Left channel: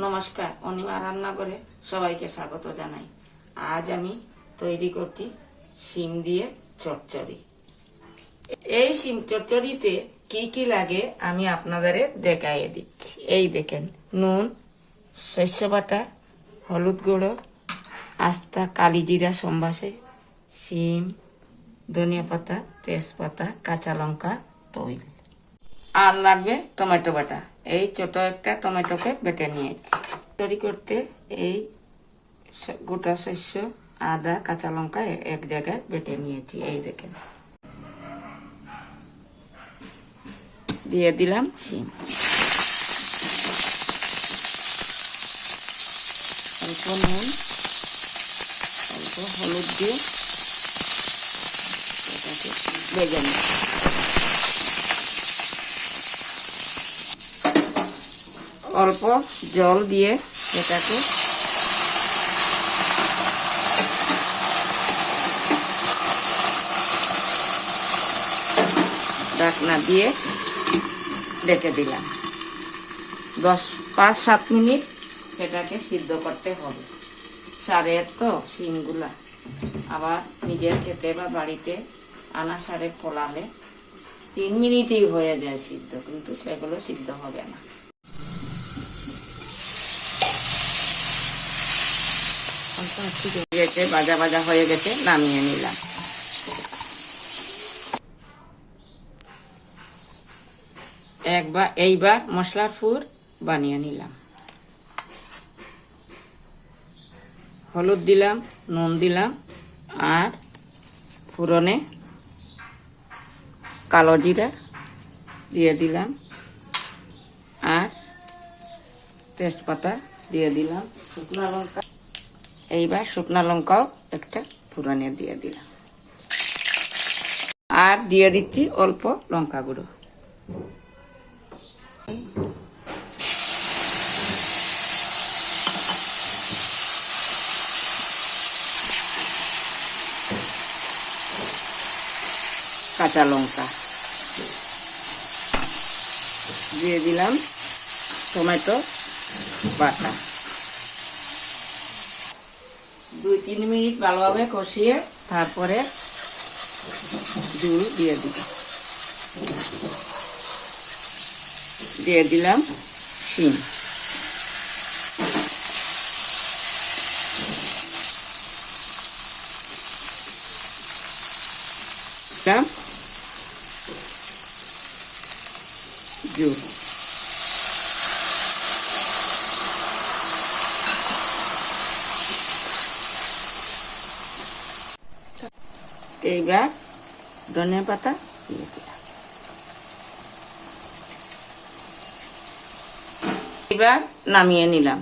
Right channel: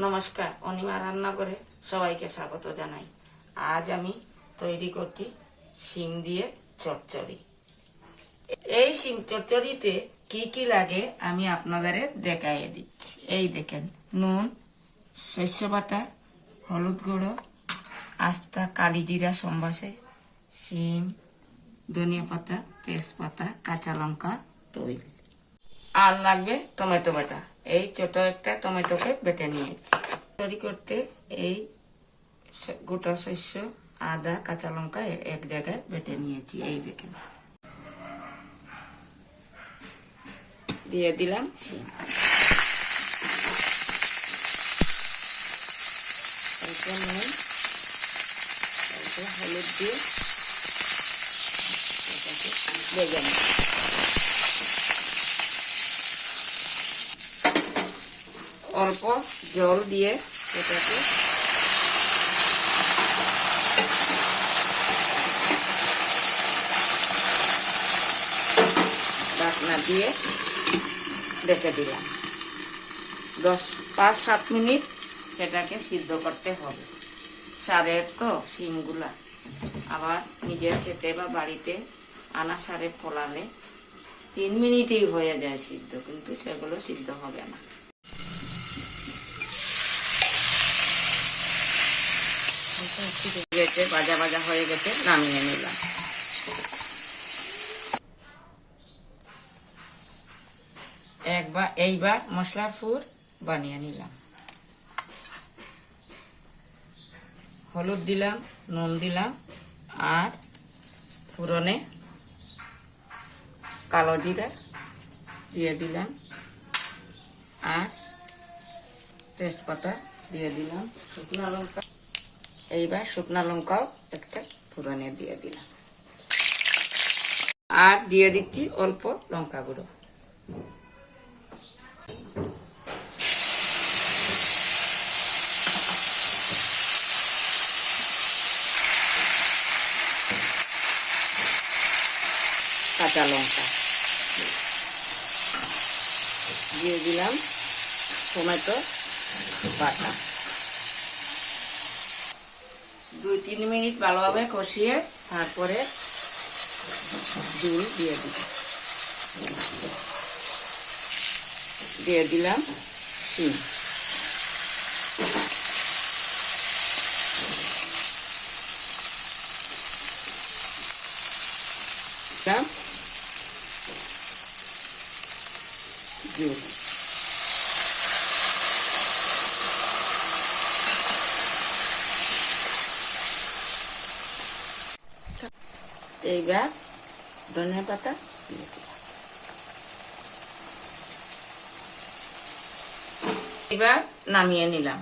নমস্কার, অনিমা রান্নাঘরে সবাইকে স্বাগত জানাই। আজ আমি তৈরি করছি শিম দিয়ে চচ্চড়ি। এই শিম চচ্চড়িতে কি কি লাগে আমি আপনাদের দেখাইয়ে দিচ্ছি। এই দেখেন, নুন, শস্য বাটা, হলুদ গুঁড়ো, আস্তা, কালি জিরা সম্বাসে, শিম, ধনিয়া পাতা, তেজপাতা, কাঁচা লঙ্কা তৈরি আর লাগবে টমেটো বাটা। এই ছোট একটা টমেটোকে বেটে নিয়েছি। তৈরি করতে এই গোটা শস্য, আদা, কাঁচা লঙ্কা এক জায়গায় বেটে নিয়েছি, এই দেখেন। দিয়ে দিলাম শিম। অল্প নুন, অল্প হলুদ দিয়ে এটাকে ভেজে অল্প জল দিয়ে এটাকে ঢাকনা দিয়ে রেখে দিলাম। দশ, পাঁচ, সাত মিনিট সেটাকে সিদ্ধ করতে হবে। সারের তো শিমগুলা আবার নিজের খেতে বা বাড়িতে আনা সারে ফলালে তিন মিনিটেই হয়ে যায় সিদ্ধ, কিন্তু সেগুলো সিদ্ধ হবে না। গেছে ভাজা ভাজা হয়ে গেছে, নামিয়ে নিলাম। একবার, এইবার মশলার ফুর বানিয়ে নিলাম। হলুদ দিলাম, নুন দিলাম, আর ফুরনে কালো জিরা দিয়ে দিলাম, আর তেজপাতা দিয়ে দিলাম। শুকনো লঙ্কা এইবার শুকনো লঙ্কাও একটা ফুরানে দিয়ে দিলাম। আর দিয়ে দিচ্ছি অল্প লঙ্কা গুঁড়ো। কাঁচা লঙ্কা। দিয়ে দিলাম টমেটো বাটা। দুই তিন মিনিট ভালোভাবে কষিয়ে তারপরে দুধ দিয়ে দিব দিয়ে দিলাম শিম। দিলাম এইবার ধনিয়া পাতা। এবার নামিয়ে নিলাম।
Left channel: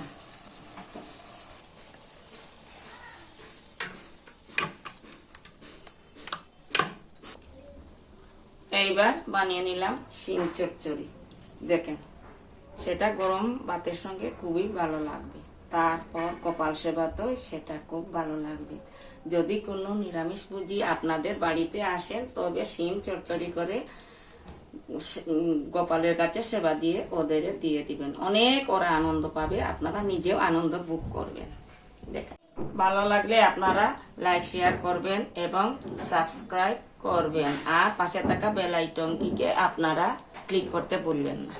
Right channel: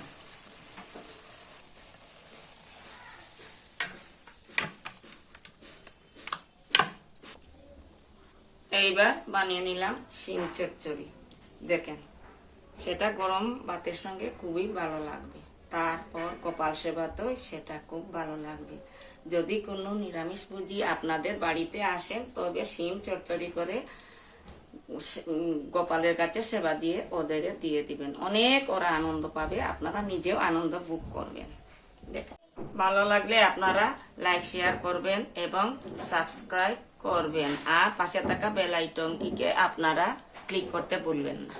এইবার বানিয়ে নিলাম শিম চচ্চড়ি। দেখেন, সেটা গরম ভাতের সঙ্গে খুবই ভালো লাগবে। তারপর কপাল সেবাতেও সেটা খুব ভালো লাগবে। যদি কোনো নিরামিষ পুঁজি আপনাদের বাড়িতে আসেন তবে শিম চচ্চড়ি করে গোপালের কাছে সেবা দিয়ে ওদের দিয়ে দিবেন। অনেক ওরা আনন্দ পাবে, আপনারা নিজেও আনন্দ ভোগ করবেন। দেখেন। ভালো লাগলে আপনারা লাইক, শেয়ার করবেন এবং সাবস্ক্রাইব করবেন। আর পাশে থাকা বেল আইটনটিকে আপনারা ক্লিক করতে ভুলবেন না।